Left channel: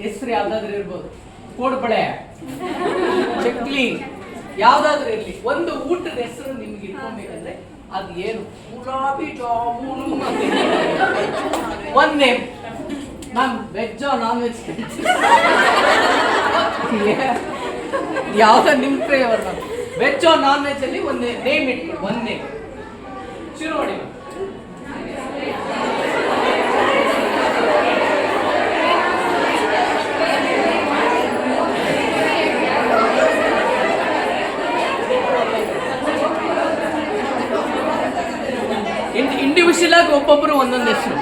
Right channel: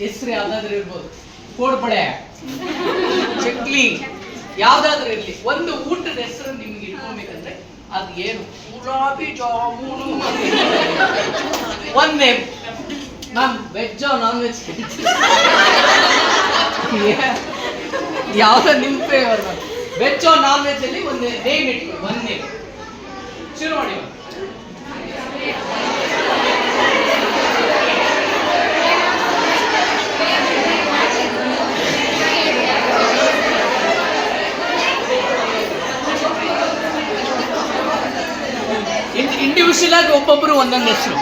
ಹೆಸರು ಯಾವ್ದಾದ್ರು ಇರ್ಬೋದು, ಕೋಡ್ಬಳೆ, ಚಕ್ಲಿ, ಯಾವ್ದಾದ್ರು ಇರ್ಲಿ. ಒಂದು ಊಟದ ಹೆಸರು ನಿಮ್ಗೆ ಇಟ್ಕೊಬೇಕಂದ್ರೆ ಅದು ಏನು? ಗುಲಾಬಿ ಜಾಮೂನು. ಒಂದ್ name. Ma'am veg non veg ಯಾವ್ದ ನಿಮ್ favour? Ma'am veg non veg ಅಲ್ಲಿ ಒಂದು ನೇಮ್ ಇಟ್ಕೊಳ್ಳಿ. ಒಂದ್ ನೇಮ್ ಶುರು ಮಾಡಿ. ಇಂಡಿವಿಜುವಲ್ ಆಗಿ ಒಬ್ಬೊಬ್ರು ಒಂದೊಂದು ಹೆಸರು.